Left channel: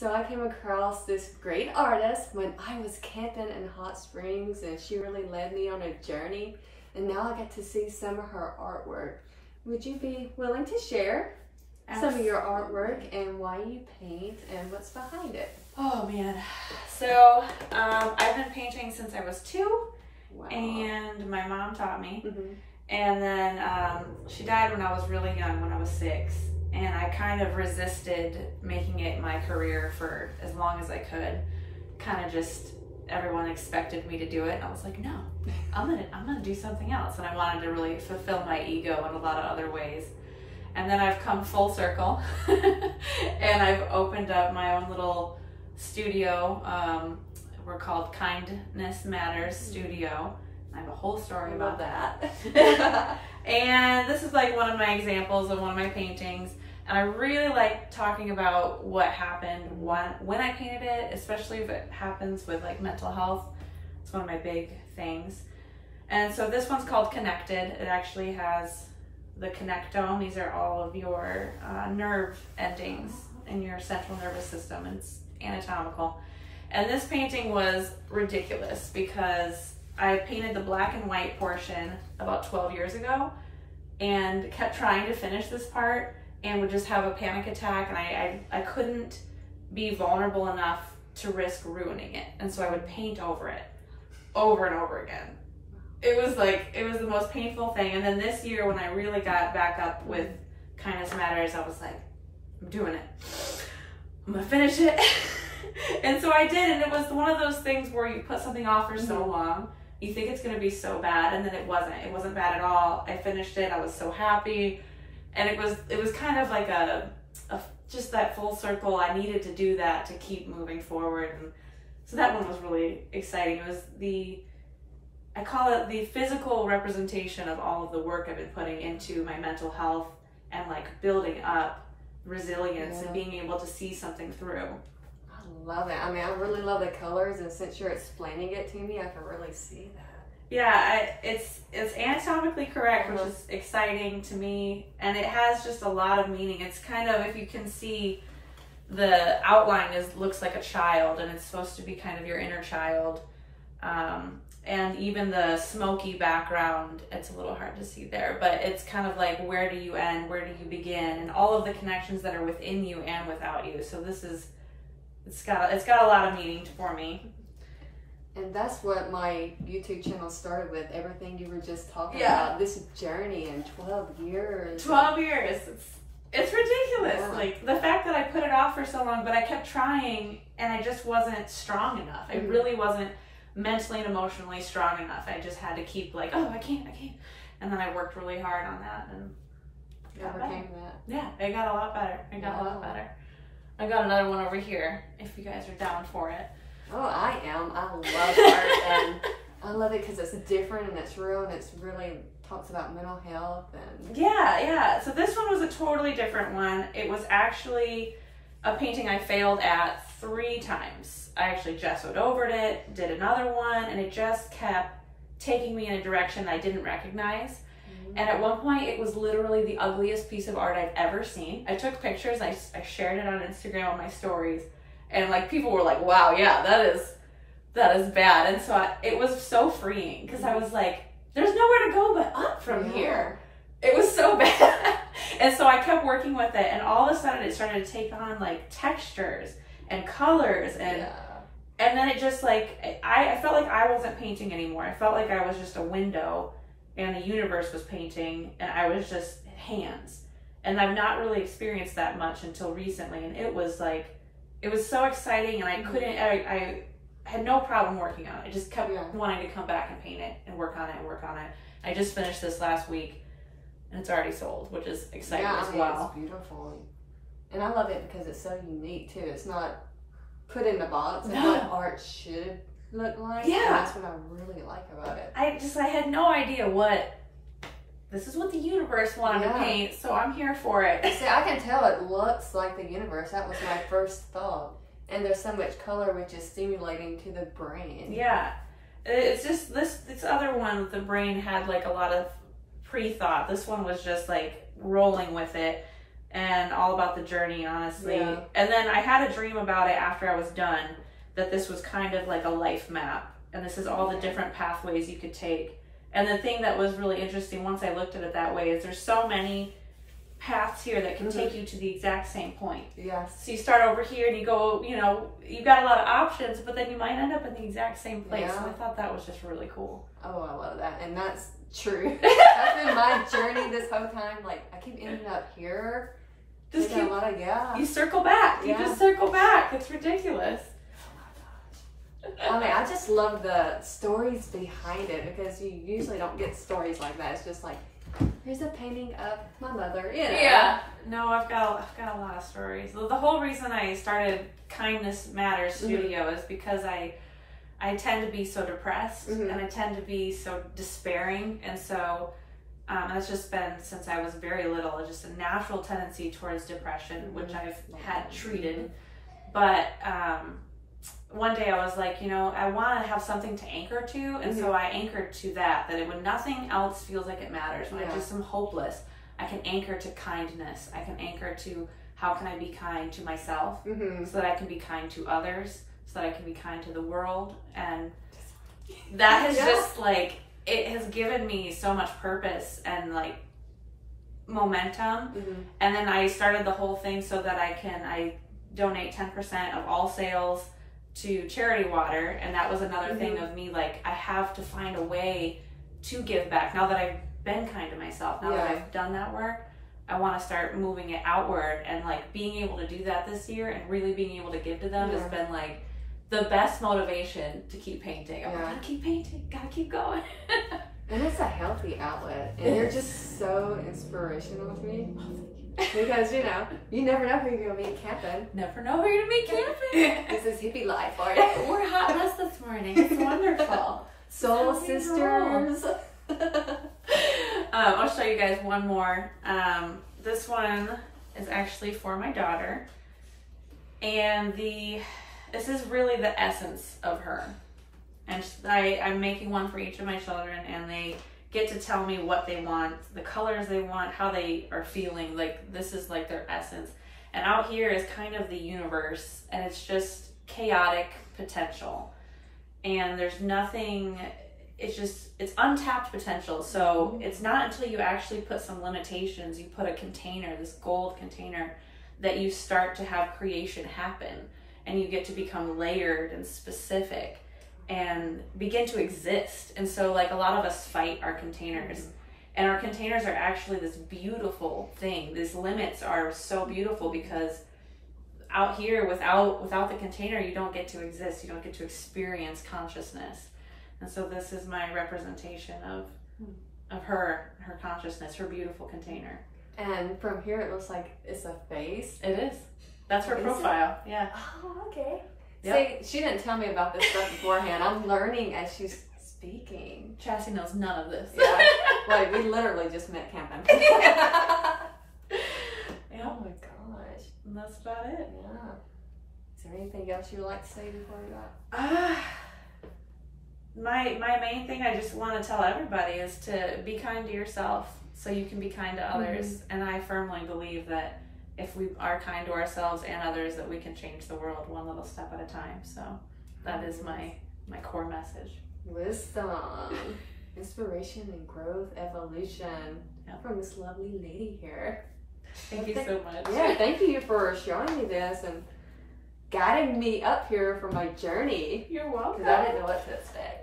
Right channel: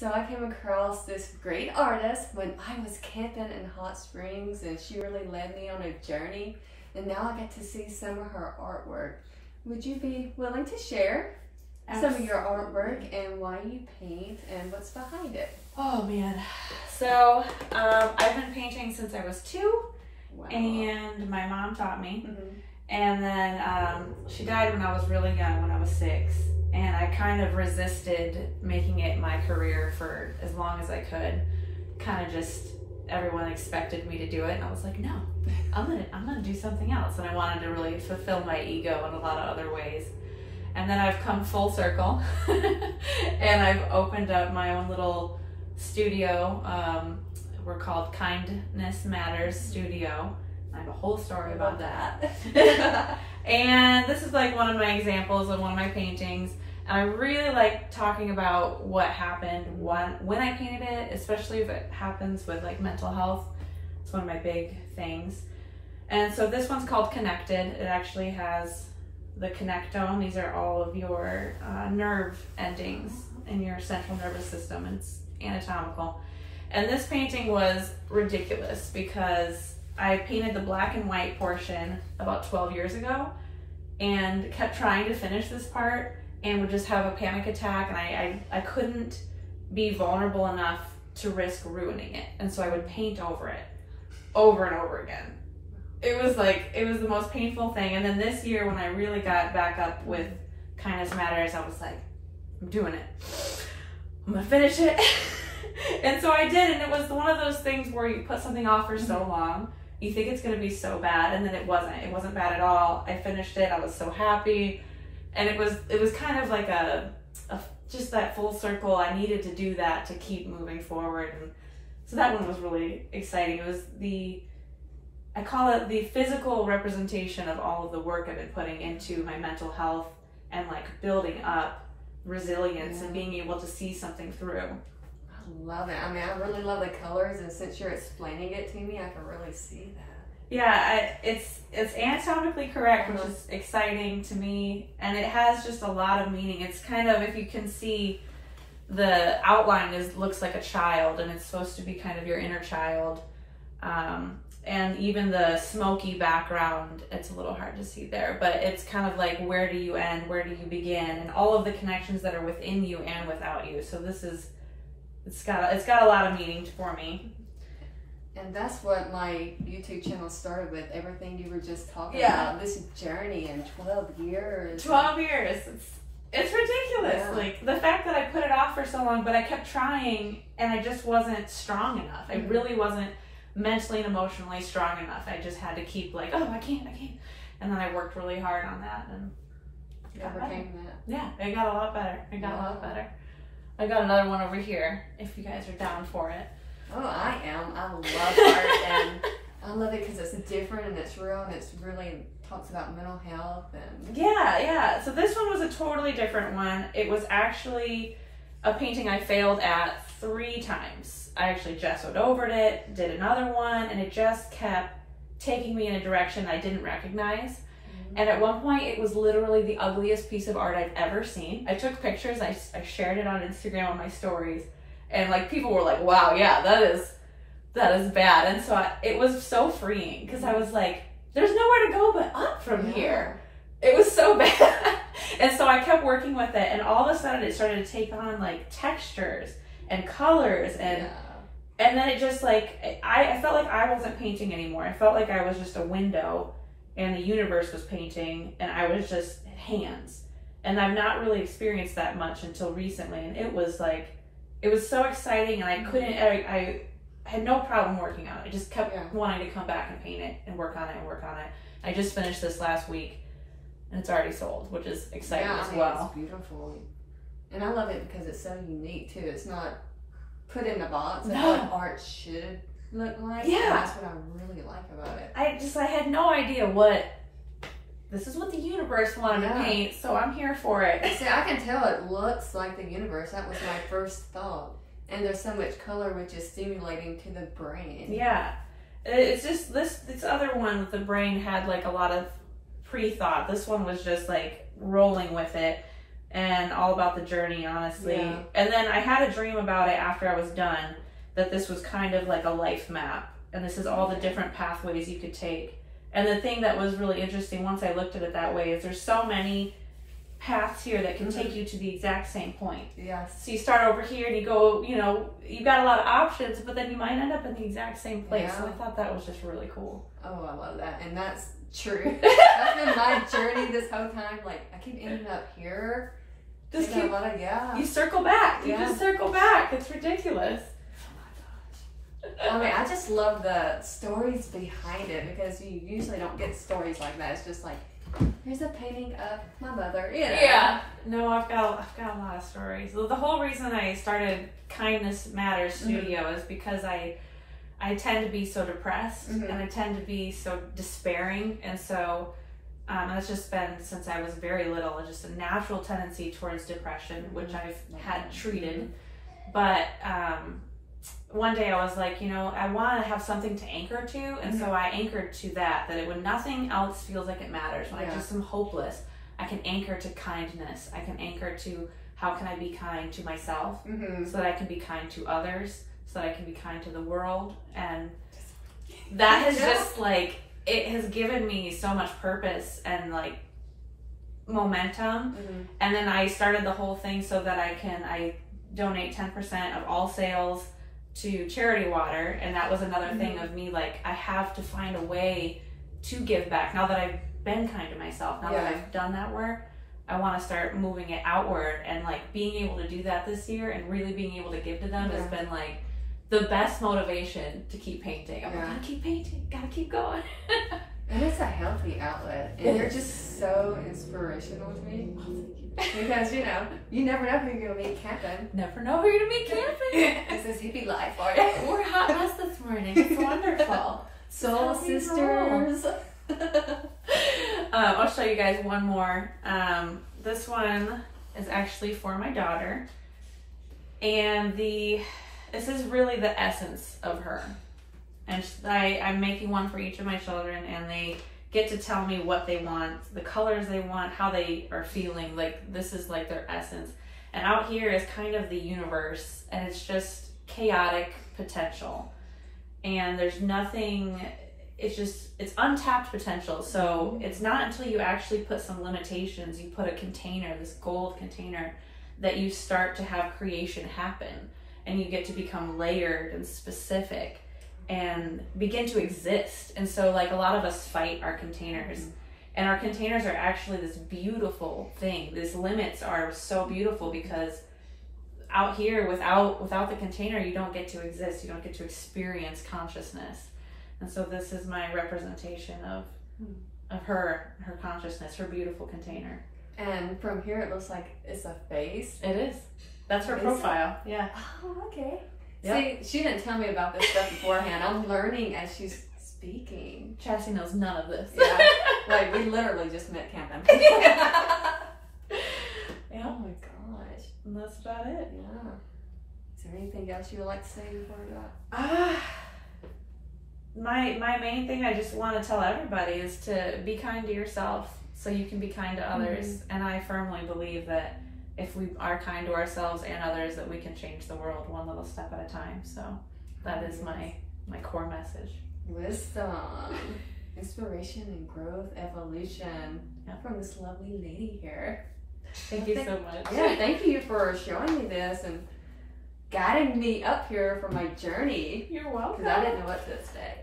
So I came across this great artist when I was camping in Hot Springs, and she really led me on a journey. And now I get to see some of her artwork. Would you be willing to share some of your artwork and why you paint and what's behind it? Oh man. So I've been painting since I was 2. Wow. And my mom taught me. And then she died when I was really young, when I was 6. And I kind of resisted making it my career for as long as I could. Kind of just, everyone expected me to do it. And I was like, no, I'm gonna do something else. And I wanted to really fulfill my ego in a lot of other ways. And then I've come full circle and I've opened up my own little studio. We're called Kindness Matters Studio. I have a whole story about that. And this is like one of my examples of one of my paintings. And I really like talking about what happened when I painted it, especially if it happens with like mental health. It's one of my big things. And so this one's called Connected. It actually has the connectome. These are all of your nerve endings in your central nervous system. And it's anatomical. And this painting was ridiculous because I painted the black and white portion about 12 years ago and kept trying to finish this part and would just have a panic attack, and I couldn't be vulnerable enough to risk ruining it. And so I would paint over it over and over again. It was the most painful thing. And then this year when I really got back up with Kindness Matters, I was like, I'm doing it. I'm gonna finish it. And so I did, and it was one of those things where you put something off for so long, you think it's gonna be so bad, and then it wasn't. It wasn't bad at all. I finished it, I was so happy. And it was kind of like just that full circle. I needed to do that to keep moving forward. And so that one was really exciting. It was I call it the physical representation of all of the work I've been putting into my mental health and like building up resilience and being able to see something through. I love it. I mean, I really love the colors, and since you're explaining it to me, I can really see that. Yeah, it's anatomically correct, which is exciting to me, and it has just a lot of meaning. It's kind of, if you can see, the outline looks like a child, and it's supposed to be kind of your inner child. And even the smoky background, it's a little hard to see there, but it's kind of like, where do you end, where do you begin, and all of the connections that are within you and without you. So this is, it's got a lot of meaning for me. And that's what my YouTube channel started with, everything you were just talking about, this journey in 12 years. 12 years. It's ridiculous. Yeah. Like, the fact that I put it off for so long, but I kept trying, and I just wasn't strong enough. I really wasn't mentally and emotionally strong enough. I just had to keep like, oh, I can't. And then I worked really hard on that, and got better. Yeah, it got a lot better. It got a lot better. I got another one over here, if you guys are down for it. Oh, I am. I love art, and I love it because it's different and it's real, and it's really talks about mental health. And yeah. So this one was a totally different one. It was actually a painting I failed at 3 times. I actually gessoed over it, did another one, and it just kept taking me in a direction I didn't recognize. And at one point, it was literally the ugliest piece of art I've ever seen. I took pictures, I shared it on Instagram on my stories. And like, people were like, wow, yeah, that is bad. And so it was so freeing, because I was like, there's nowhere to go but up from here. It was so bad. And so I kept working with it, and all of a sudden it started to take on like textures and colors, and then it just like, I felt like I wasn't painting anymore. I felt like I was just a window and the universe was painting, and I was just hands. And I've not really experienced that much until recently. And it was like, it was so exciting, and I had no problem working on it. I just kept wanting to come back and paint it and work on it and work on it. I just finished this last week, and it's already sold, which is exciting as well. It's beautiful. And I love it because it's so unique too. It's not put in the box of what art should look like. Yeah. And that's what I really like about it. I had no idea this is what the universe wanted to paint, so I'm here for it. See, I can tell it looks like the universe. That was my first thought. And there's so much color, which is stimulating to the brain. Yeah. It's just this other one, the brain had like a lot of pre-thought. This one was just like rolling with it. and all about the journey, honestly. Yeah. And then I had a dream about it after I was done, that this was kind of like a life map, and this is all the different pathways you could take. And the thing that was really interesting once I looked at it that way is there's so many paths here that can take you to the exact same point. Yes. So you start over here and you go, you know, you've got a lot of options, but then you might end up in the exact same place. Yeah. So I thought that was just really cool. Oh, I love that. And that's true. That's been my journey this whole time. Like, I keep ending up here. Just keep, you circle back. You just circle back. It's ridiculous. I mean, I just love the stories behind it, because you usually don't get stories like that. It's just like, here's a painting of my mother. You know? Yeah. No, I've got a lot of stories. The whole reason I started Kindness Matters Studio is because I tend to be so depressed and I tend to be so despairing, and so that's just been since I was very little, just a natural tendency towards depression, which I've had treated. But one day I was like, you know, I want to have something to anchor to, and so I anchored to that when nothing else feels like it matters, when I just am hopeless, I can anchor to kindness. I can anchor to how can I be kind to myself so that I can be kind to others, so that I can be kind to the world. And that has just like, it has given me so much purpose and like momentum. And then I started the whole thing so that I donate 10% of all sales to charity water. And that was another thing of me, like, I have to find a way to give back. Now that I've been kind to myself, now that I've done that work, I want to start moving it outward. And like being able to do that this year and really being able to give to them has been like the best motivation to keep painting. I'm like, gotta keep painting, gotta keep going. And it's a healthy outlet, and you're just so inspirational to me. Because, you know, you never know who you're going to meet camping. Never know who you're going to meet camping. This is hippie life, are you? We're hot mess this morning. It's wonderful. Soul sisters. I'll show you guys one more. This one is actually for my daughter. And this is really the essence of her. And I'm making one for each of my children, and they get to tell me what they want, the colors they want, how they are feeling. Like, this is like their essence. And out here is kind of the universe, and it's just chaotic potential. And there's nothing, it's untapped potential. So it's not until you actually put some limitations, you put a container, this gold container, that you start to have creation happen. And you get to become layered and specific and begin to exist. And so like a lot of us fight our containers, and our containers are actually this beautiful thing. These limits are so beautiful, because out here without the container, you don't get to exist. You don't get to experience consciousness. And so this is my representation of her consciousness, her beautiful container. And from here it looks like it's a face. It is. That's her profile. Yeah. Oh, okay. Yep. See, she didn't tell me about this stuff beforehand. I'm learning as she's speaking. Chassie knows none of this. Yeah. Like, we literally just met camping. Yeah. Oh my gosh. And that's about it. Yeah. Is there anything else you would like to say before that? My main thing I just want to tell everybody is to be kind to yourself so you can be kind to others. And I firmly believe that if we are kind to ourselves and others, that we can change the world one little step at a time. So that is my core message. Wisdom, inspiration, and growth, evolution from this lovely lady here. Thank you so much. Yeah, thank you for showing me this and guiding me up here for my journey. You're welcome. Because I didn't know what to expect.